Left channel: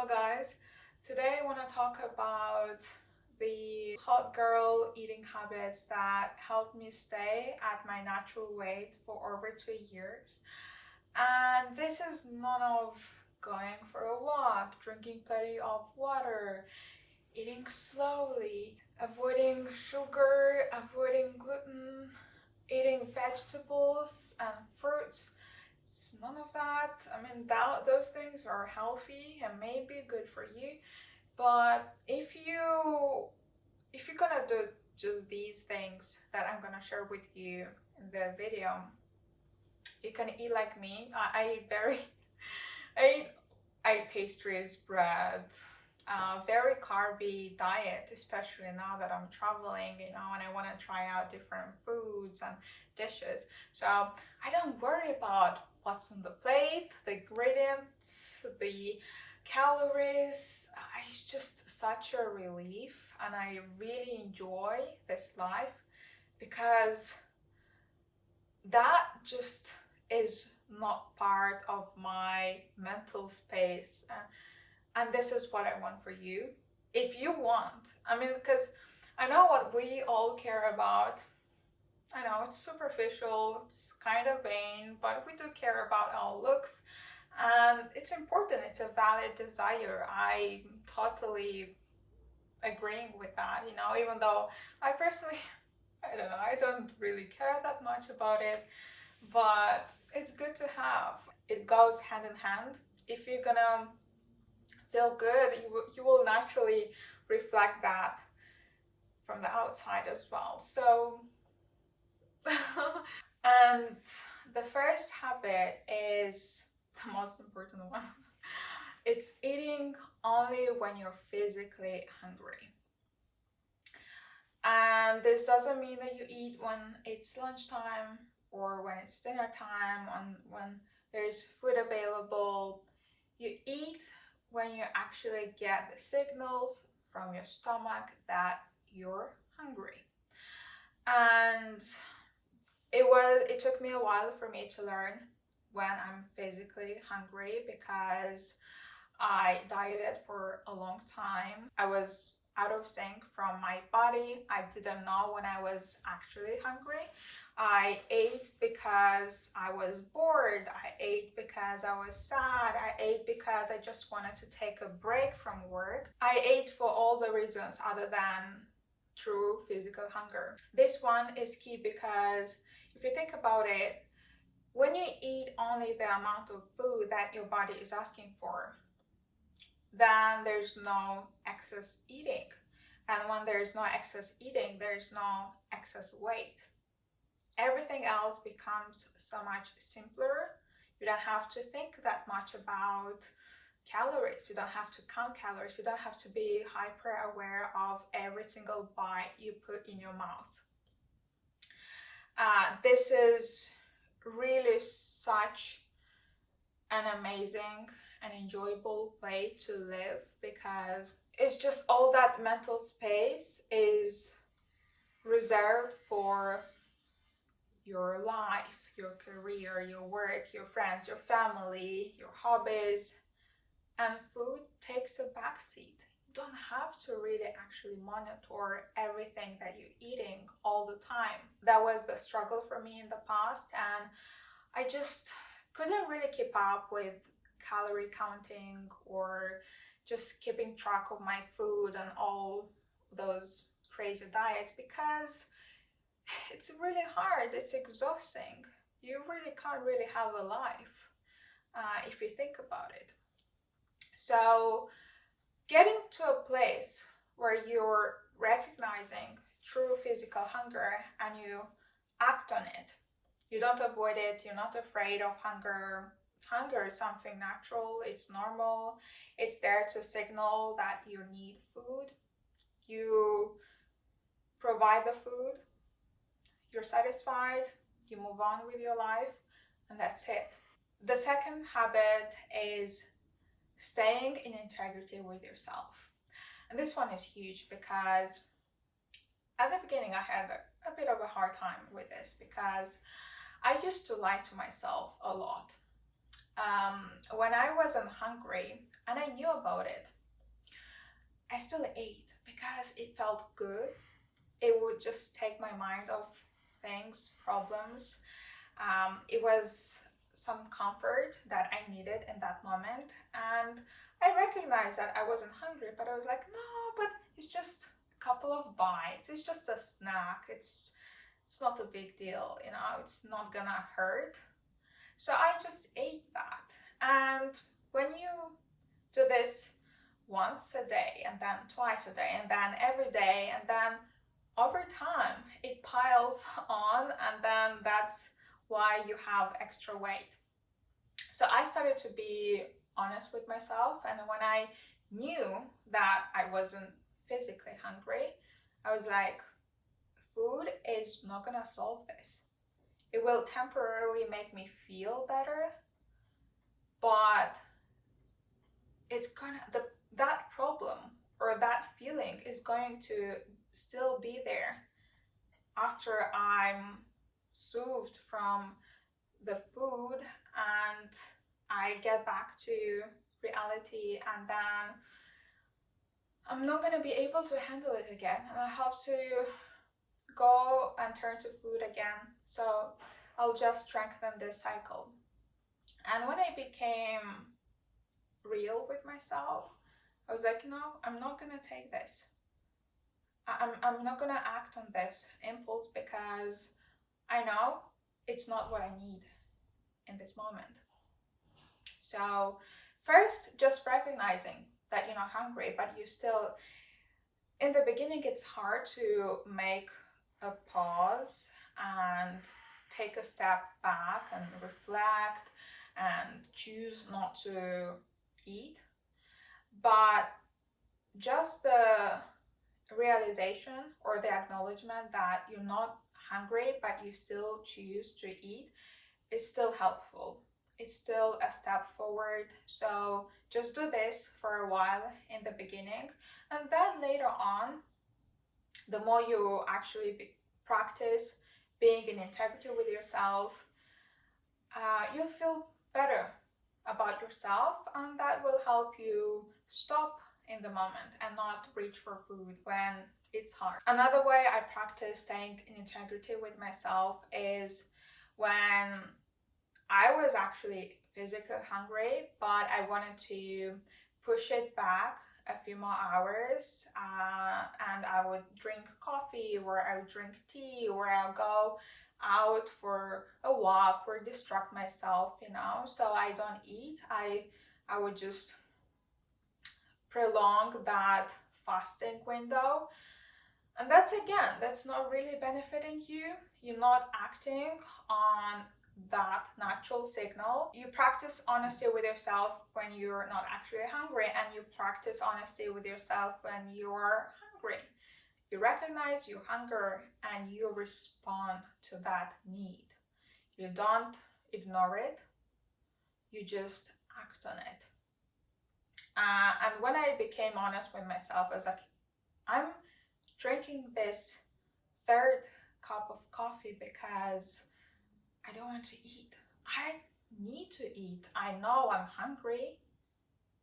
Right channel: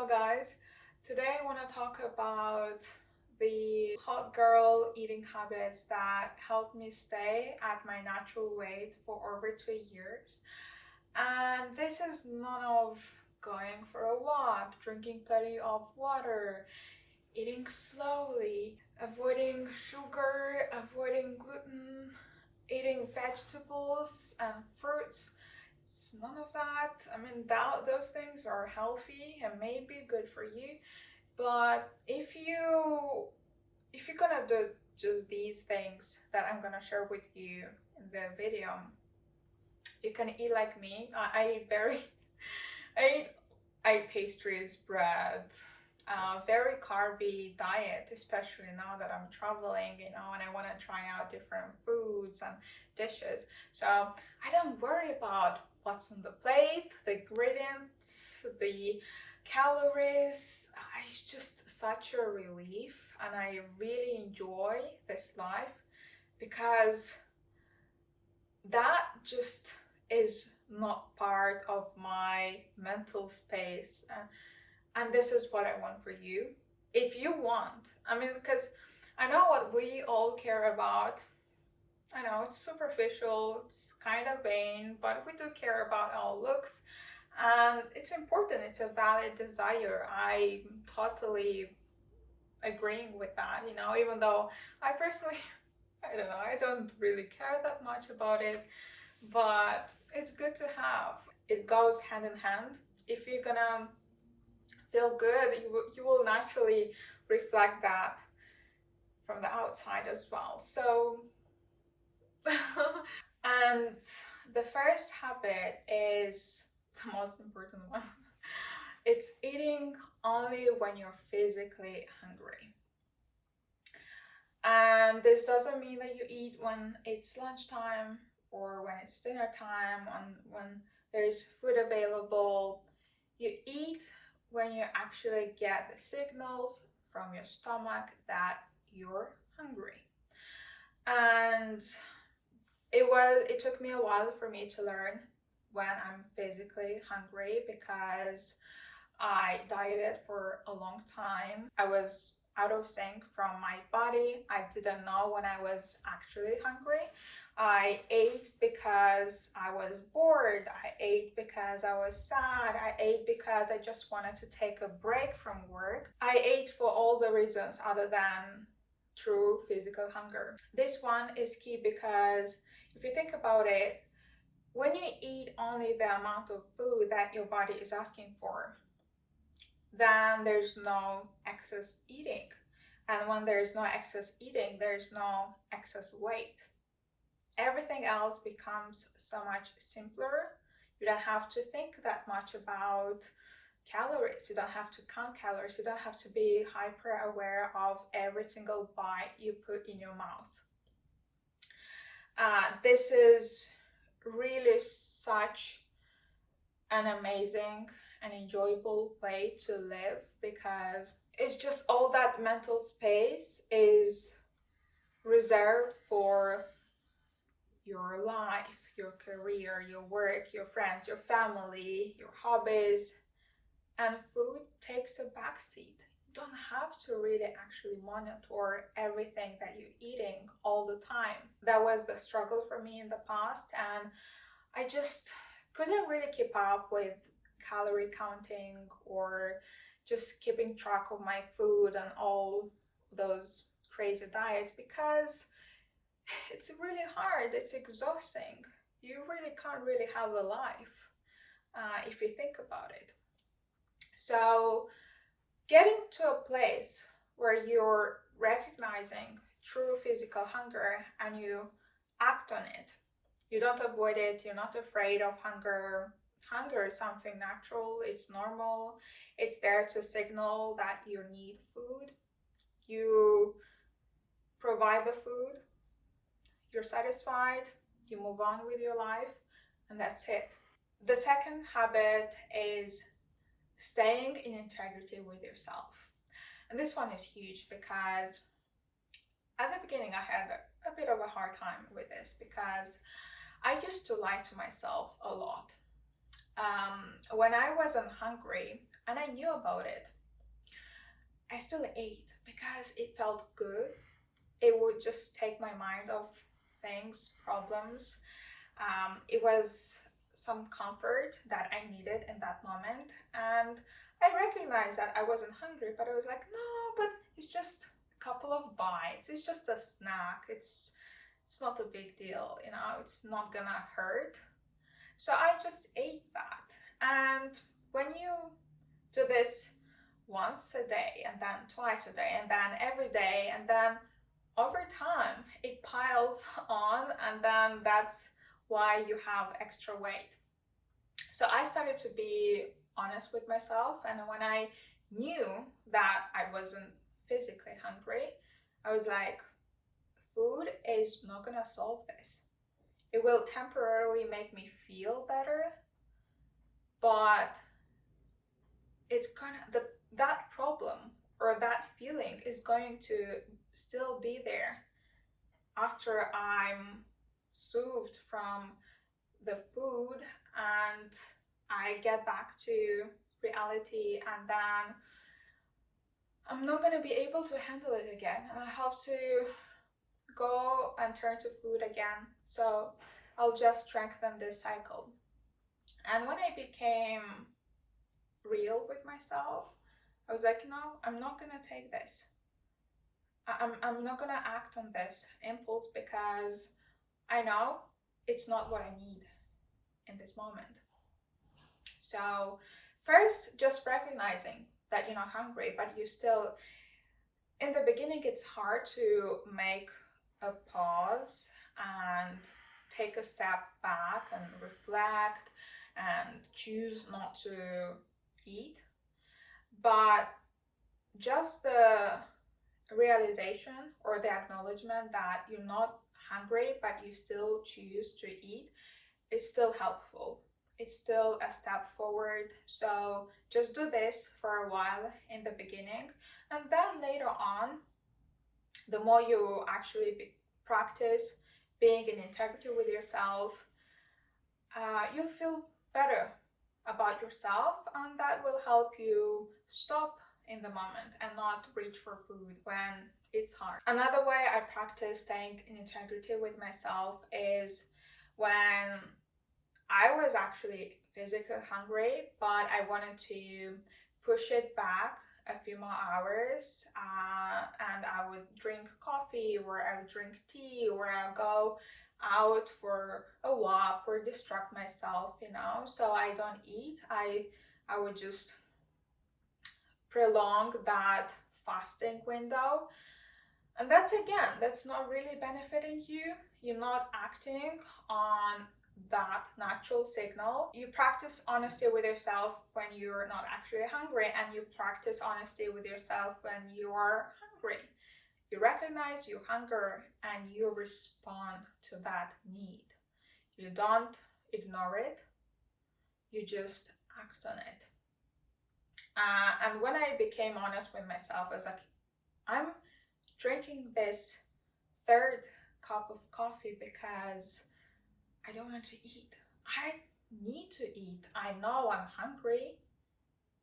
Hello guys, today I want to talk about the hot girl eating habits that helped me stay at my natural weight for over 2 years. And this is none of going for a walk, drinking plenty of water, eating slowly, avoiding sugar, avoiding gluten, eating vegetables and fruits. It's none of that. I mean, those things are healthy and may be good for you, but if you're gonna do just these things that I'm gonna share with you in the video, you can eat like me. I eat I eat, I eat pastries, bread, very carby diet, especially now that I'm traveling, and I want to try out different foods and dishes. So I don't worry about what's on the plate, the ingredients, the calories. It's just such a relief, and I really enjoy this life because that just is not part of my mental space. And this is what I want for you. If you want, I mean, because I know what we all care about. I know it's superficial, it's kind of vain, but we do care about our looks, and it's important. It's a valid desire. I'm totally agreeing with that, even though I personally, I don't know, I don't really care that much about it, but it's good to have. It goes hand in hand. If you're gonna feel good, you will naturally reflect that from the outside as well. So, and the first habit is the most important one. It's eating only when you're physically hungry. And this doesn't mean that you eat when it's lunchtime or when it's dinner time, when there's food available. You eat when you actually get the signals from your stomach that you're hungry. And it took me a while for me to learn when I'm physically hungry because I dieted for a long time. I was out of sync from my body. I didn't know when I was actually hungry. I ate because I was bored. I ate because I was sad. I ate because I just wanted to take a break from work. I ate for all the reasons other than true physical hunger. This one is key because if you think about it, when you eat only the amount of food that your body is asking for, then there's no excess eating. And when there's no excess eating, there's no excess weight. Everything else becomes so much simpler. You don't have to think that much about calories. You don't have to count calories. You don't have to be hyper aware of every single bite you put in your mouth. This is really such an amazing and enjoyable way to live because it's just all that mental space is reserved for your life, your career, your work, your friends, your family, your hobbies, and food takes a backseat. You don't have to really actually monitor everything that you're eating all the time. That was the struggle for me in the past, and I just couldn't really keep up with calorie counting or just keeping track of my food and all those crazy diets because it's really hard, it's exhausting. You really can't really have a life if you think about it. So, getting to a place where you're recognizing true physical hunger and you act on it. You don't avoid it, you're not afraid of hunger. Hunger is something natural, it's normal, it's there to signal that you need food. You provide the food, you're satisfied, you move on with your life, and that's it. The second habit is staying in integrity with yourself. And this one is huge because at the beginning I had a bit of a hard time with this because I used to lie to myself a lot. When I wasn't hungry, and I knew about it. I still ate because it felt good. It would just take my mind off things, problems. It was some comfort that I needed in that moment. And I recognized that I wasn't hungry, but I was like, no, but it's just a couple of bites. It's just a snack. It's not a big deal, you know, it's not gonna hurt. So I just ate that. And when you do this once a day, and then twice a day, and then every day, and then over time it piles on, and then that's why you have extra weight. So I started to be honest with myself, and when I knew that I wasn't physically hungry, I was like, food is not gonna solve this. It will temporarily make me feel better, but it's gonna that problem or that feeling is going to still be there after I'm soothed from the food and I get back to reality, and then I'm not going to be able to handle it again, and I have to go and turn to food again. So I'll just strengthen this cycle. And when I became real with myself, I was like, no, I'm not going to take this. I'm not going to act on this impulse because I know it's not what I need in this moment. So first, just recognizing that you're not hungry, but you still, in the beginning, it's hard to make a pause and take a step back and reflect and choose not to eat. But just the realization or the acknowledgement that you're not hungry, but you still choose to eat, is still helpful. It's still a step forward. So just do this for a while in the beginning, and then later on, the more you actually practice being in integrity with yourself, you'll feel better about yourself, and that will help you stop in the moment and not reach for food when it's hard. Another way I practice staying in integrity with myself is when I was actually physically hungry, but I wanted to push it back a few more hours, and I would drink coffee, or I would drink tea, or I'll go out for a walk or distract myself, you know, so I don't eat. I would just prolong that fasting window. And that's not really benefiting you. You're not acting on that natural signal. You practice honesty with yourself when you're not actually hungry, and you practice honesty with yourself when you're hungry. You recognize your hunger and you respond to that need. You don't ignore it, you just act on it. And when I became honest with myself, I was like, I'm drinking this third cup of coffee because I don't want to eat. I need to eat. I know I'm hungry,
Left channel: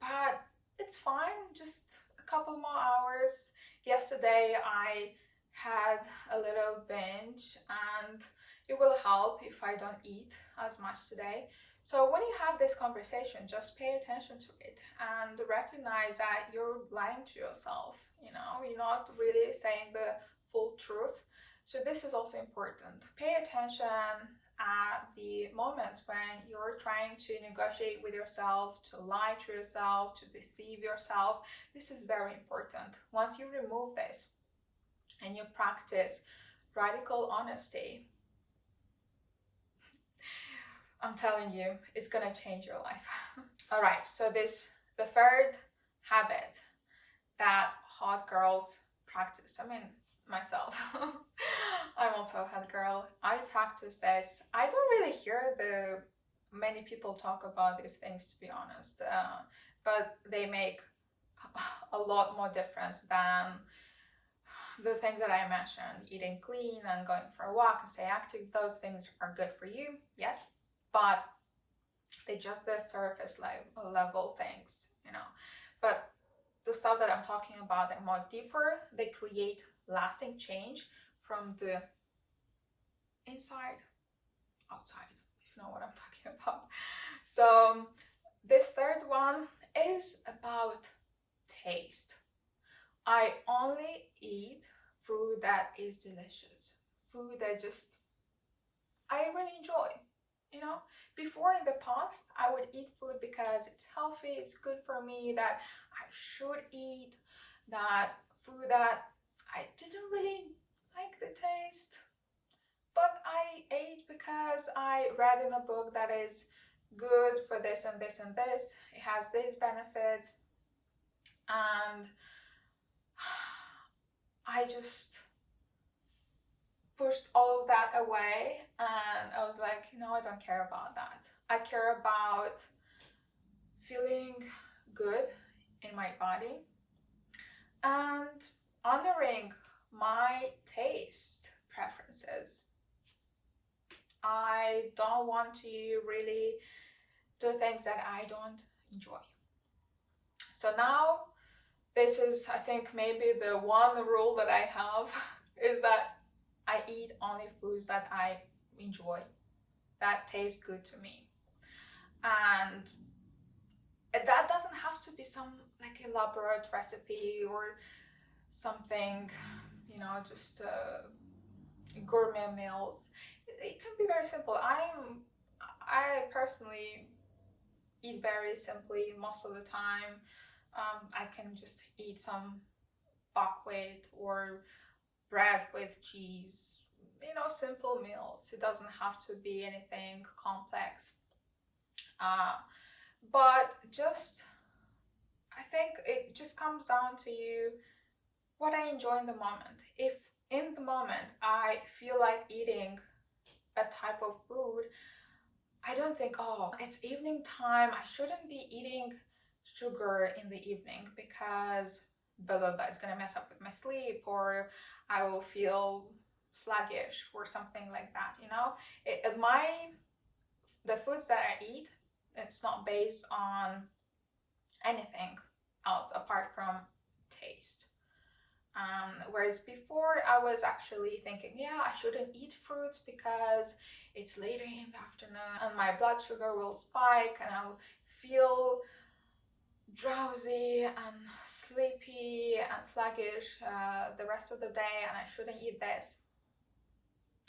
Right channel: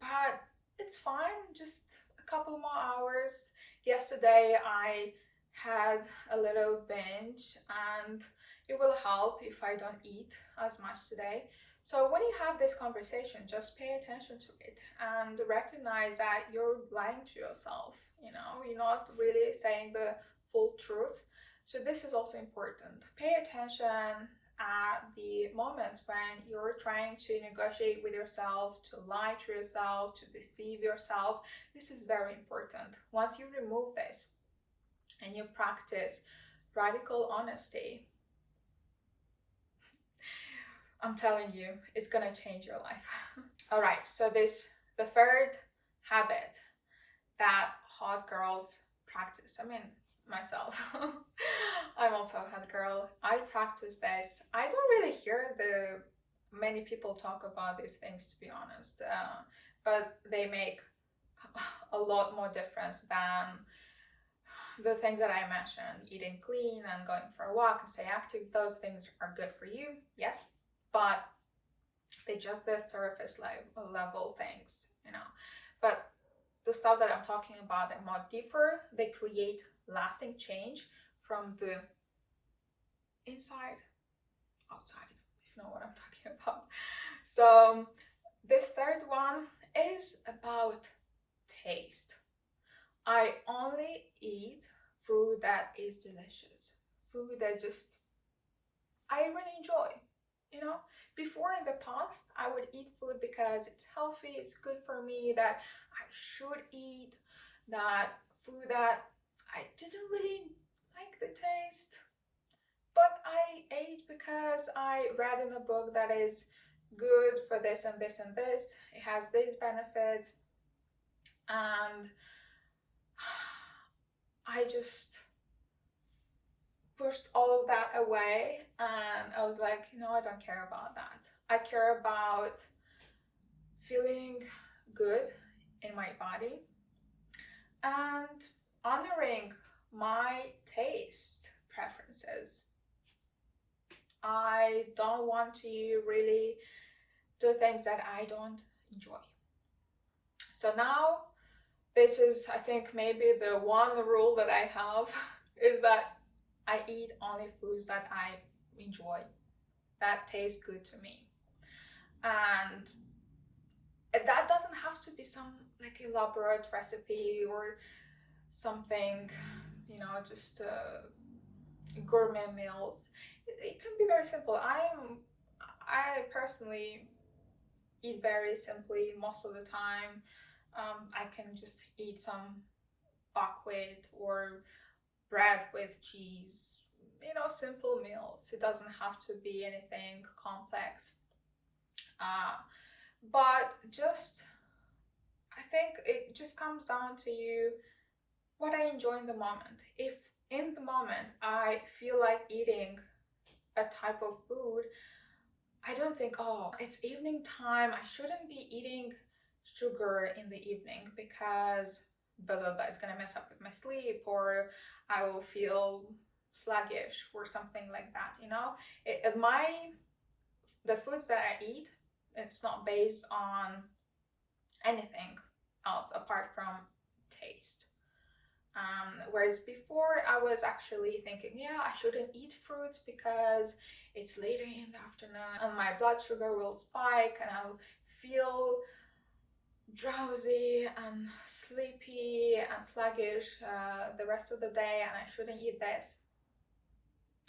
but it's fine. Just a couple more hours. Yesterday I had a little binge, and it will help if I don't eat as much today. So when you have this conversation, just pay attention to it and recognize that you're lying to yourself. You know, you're not really saying the full truth. So this is also important. Pay attention at the moments when you're trying to negotiate with yourself, to lie to yourself, to deceive yourself. This is very important. Once you remove this and you practice radical honesty, I'm telling you, it's gonna change your life. All right, so the third habit that hot girls practice. I mean, myself. I'm also a hot girl. I practice this. I don't really hear the many people talk about these things, to be honest, but they make a lot more difference than the things that I mentioned. Eating clean and going for a walk and stay active. Those things are good for you, yes, but they just the surface level things. you know. But the stuff that I'm talking about are more deeper. They create lasting change from the inside outside, if you know what I'm talking about. So this third one is about taste. I only eat food that is delicious, food that just I really enjoy. You know, before in the past, I would eat food because it's healthy, it's good for me, that I should eat, that food that I didn't really like the taste, but I ate because I read in a book that is good for this and this and this, it has these benefits, and I just pushed all of that away, and I was like, you know, I don't care about that. I care about feeling good in my body and honoring my taste preferences. I don't want to really do things that I don't enjoy. So now, this is, I think, maybe the one rule that I have is that I eat only foods that I enjoy, that taste good to me. And that doesn't have to be some like elaborate recipe or something, you know, just gourmet meals. It can be very simple. I personally eat very simply most of the time. I can just eat some buckwheat or bread with cheese, you know, simple meals. It doesn't have to be anything complex. Uh, but just, I think it just comes down to you what I enjoy in the moment. If in the moment I feel like eating a type of food, I don't think, oh, it's evening time, I shouldn't be eating sugar in the evening because blah blah blah, it's gonna mess up with my sleep, or I will feel sluggish or something like that, you know? The foods that I eat, it's not based on anything else apart from taste. Whereas before, I was actually thinking, yeah, I shouldn't eat fruits because it's later in the afternoon and my blood sugar will spike and I'll feel drowsy and sleepy and sluggish the rest of the day, and I shouldn't eat this.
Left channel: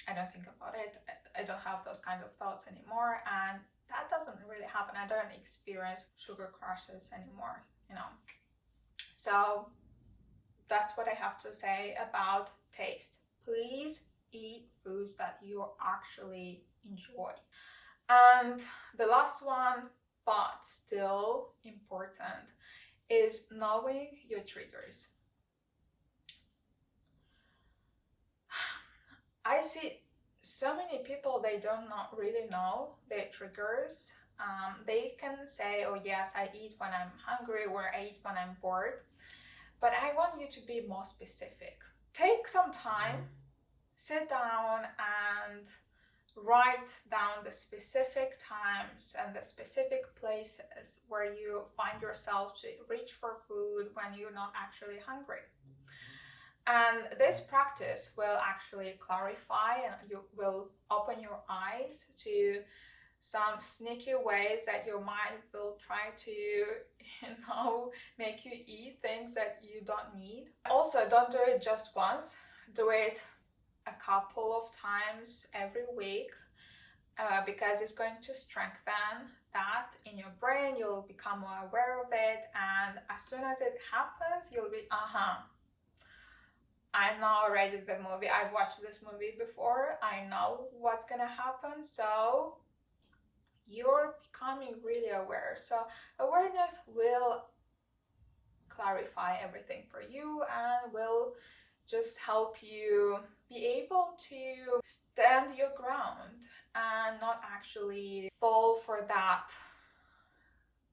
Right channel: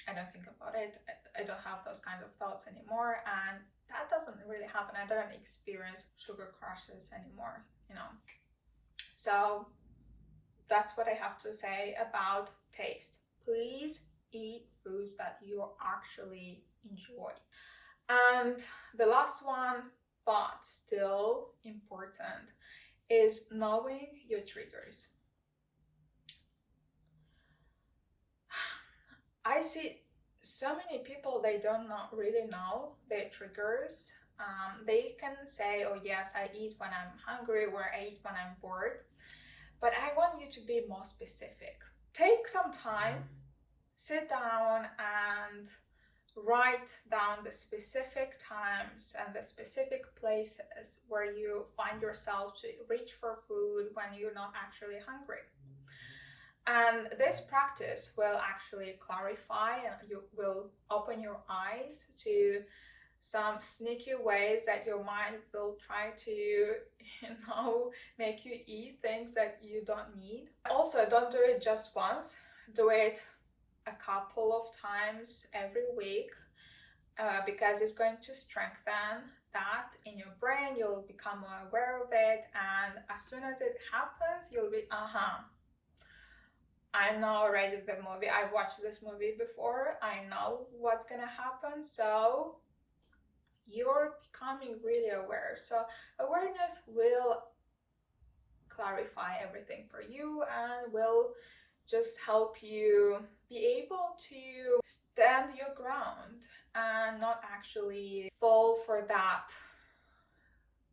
I don't think about it. I don't have those kind of thoughts anymore, and that doesn't really happen. I don't experience sugar crashes anymore, you know. So that's what I have to say about taste. Please eat foods that you actually enjoy. And the last one, but still important, is knowing your triggers. I see so many people, they don't really know their triggers. They can say, oh yes, I eat when I'm hungry or I eat when I'm bored. But I want you to be more specific. Take some time, sit down and write down the specific times and the specific places where you find yourself to reach for food when you're not actually hungry. And this practice will actually clarify, and you will open your eyes to some sneaky ways that your mind will try to, you know, make you eat things that you don't need. Also, don't do it just once, do it a couple of times every week, because it's going to strengthen that in your brain. You'll become more aware of it, and as soon as it happens, you'll be, I know already the movie. I've watched this movie before. I know what's gonna happen. So you're becoming really aware. So awareness will clarify everything for you and will just help you be able to stand your ground and not actually fall for that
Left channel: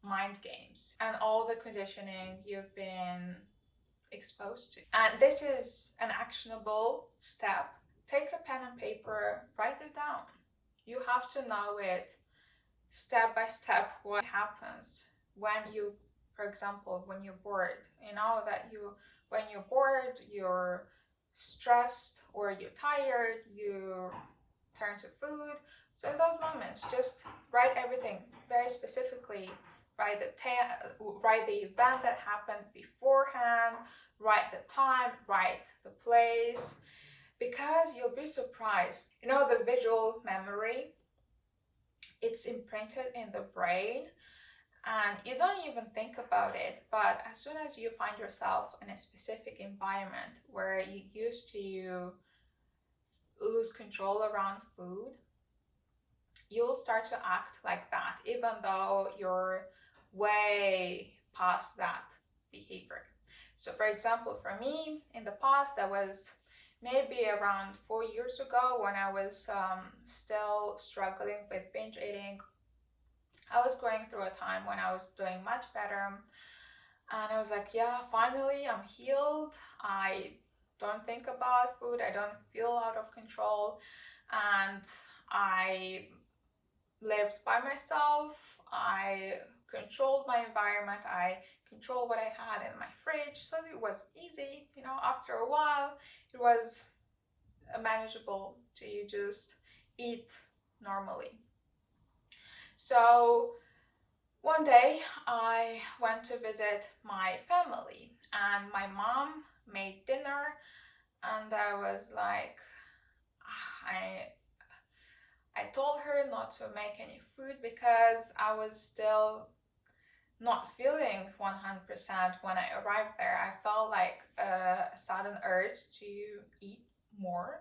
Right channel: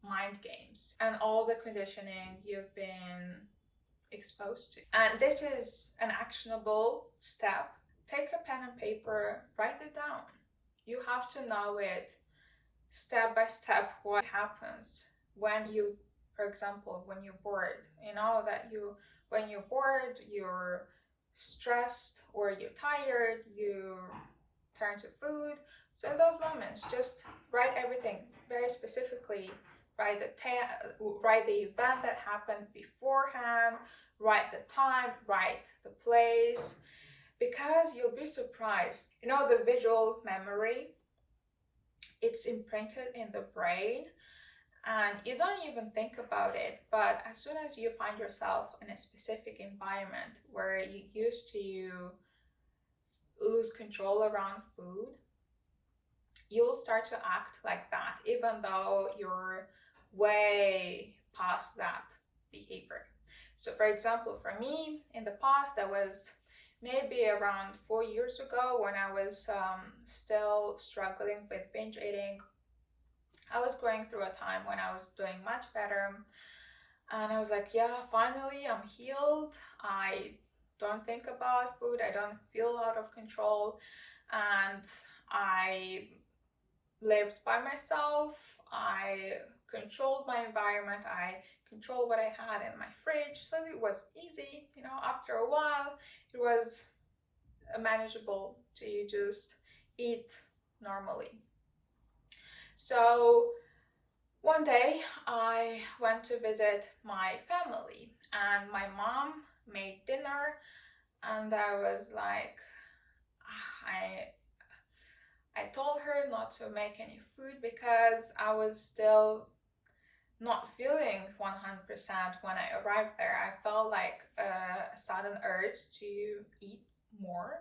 mind games and all the conditioning you've been exposed to. And this is an actionable step. Take a pen and paper, write it down. You have to know it step by step what happens when you, For example, when you're bored, you know that when you're bored, you're stressed or you're tired, you turn to food. So in those moments, just write everything very specifically. Write the event that happened beforehand, write the time, write the place, because you'll be surprised. You know, the visual memory, it's imprinted in the brain and you don't even think about it. But as soon as you find yourself in a specific environment where you used to lose control around food, you'll start to act like that, even though you're way past that behavior. So, for example, for me in the past, that was maybe around 4 years ago when I was still struggling with binge eating. I was going through a time when I was doing much better, and I was like, yeah, finally I'm healed. I don't think about food, I don't feel out of control, and I lived by myself. I controlled my environment. I controlled what I had in my fridge. So it was easy. You know, after a while, it was manageable to just eat normally. So one day I went to visit my family and my mom made dinner, and I was like, I told her not to make any food because I was still not feeling 100% when I arrived there. I felt like a sudden urge to eat more.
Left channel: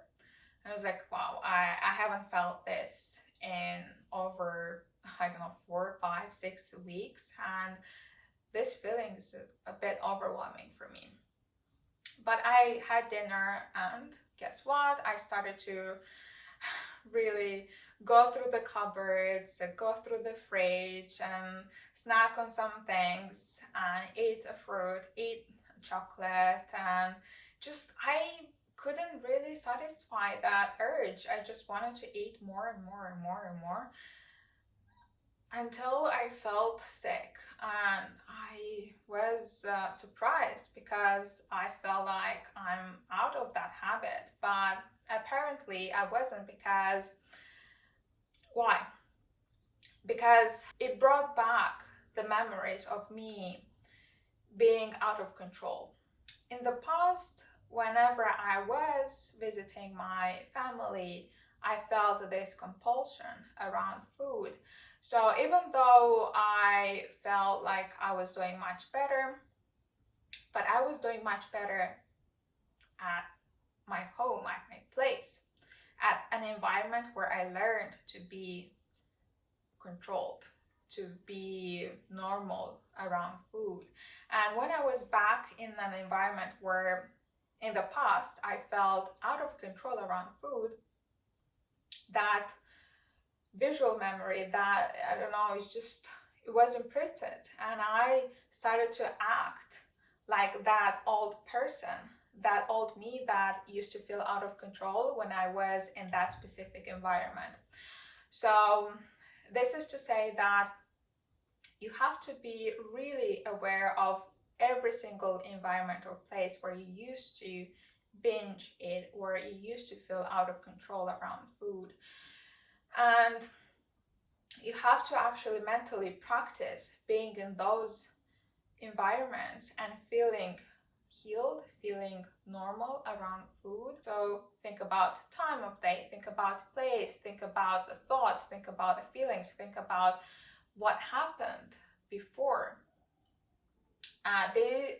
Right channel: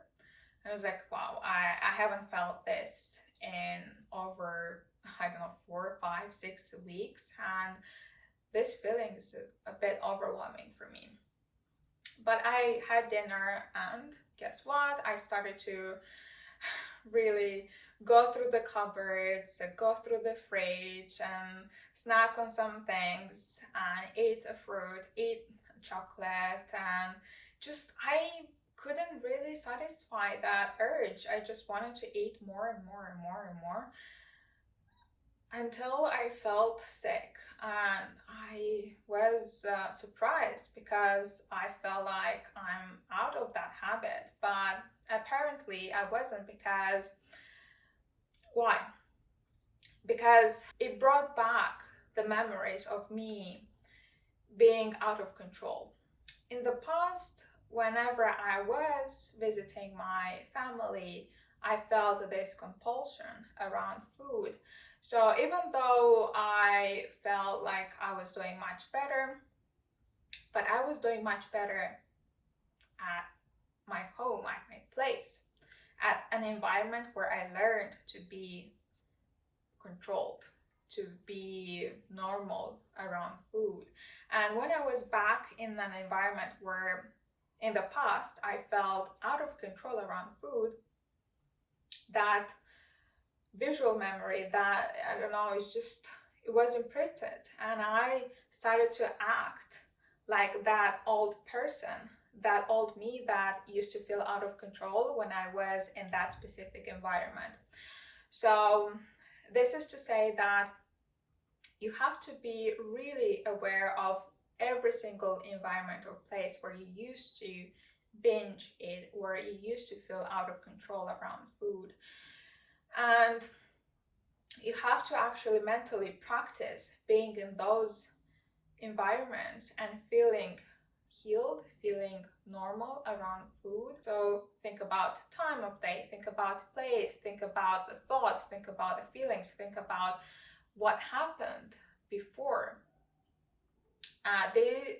I was like, wow, I haven't felt this in over, I don't know, 4, 5, 6 weeks. And this feeling is a bit overwhelming for me. But I had dinner, and guess what? I started to really go through the cupboards, go through the fridge, and snack on some things, and eat a fruit, eat chocolate, and just I couldn't really satisfy that urge. I just wanted to eat more and more and more and more until I felt sick, and I was surprised because I felt like I'm out of that habit, but apparently I wasn't. Because why? Because it brought back the memories of me being out of control. In the past, whenever I was visiting my family, I felt this compulsion around food. So even though I felt like I was doing much better, but I was doing much better at my home, at my place, at an environment where I learned to be controlled, to be normal around food. And when I was back in an environment where in the past I felt out of control around food, that visual memory, that, I don't know, it was imprinted, and I started to act like that old person, that old me that used to feel out of control when I was in that specific environment. So this is to say that you have to be really aware of every single environment or place where you used to binge it, where you used to feel out of control around food. And you have to actually mentally practice being in those environments and feeling healed, feeling normal around food. So think about time of day, think about place, think about the thoughts, think about the feelings, think about what happened before.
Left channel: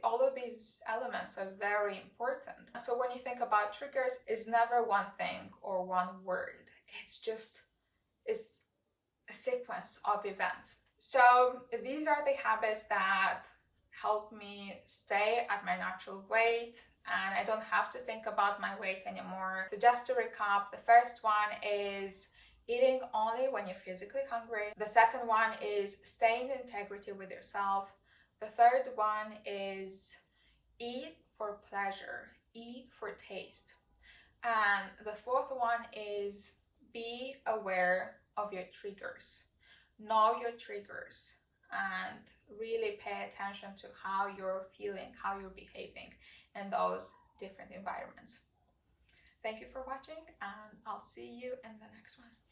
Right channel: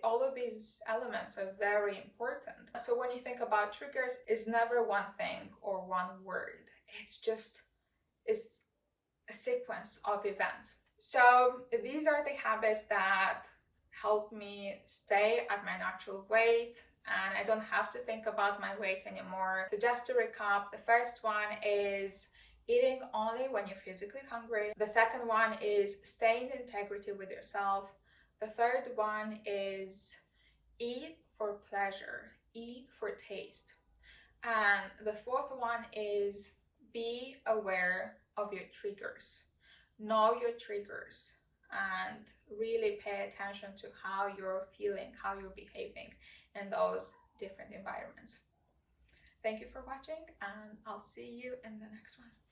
All of these elements are very important. So when you think about triggers, it's never one thing or one word. It's a sequence of events. So these are the habits that help me stay at my natural weight, and I don't have to think about my weight anymore. So just to recap, the first one is eating only when you're physically hungry. The second one is staying in integrity with yourself. The third one is eat for pleasure, eat for taste. And the fourth one is be aware of your triggers. Know your triggers and really pay attention to how you're feeling, how you're behaving in those different environments. Thank you for watching, and I'll see you in the next one.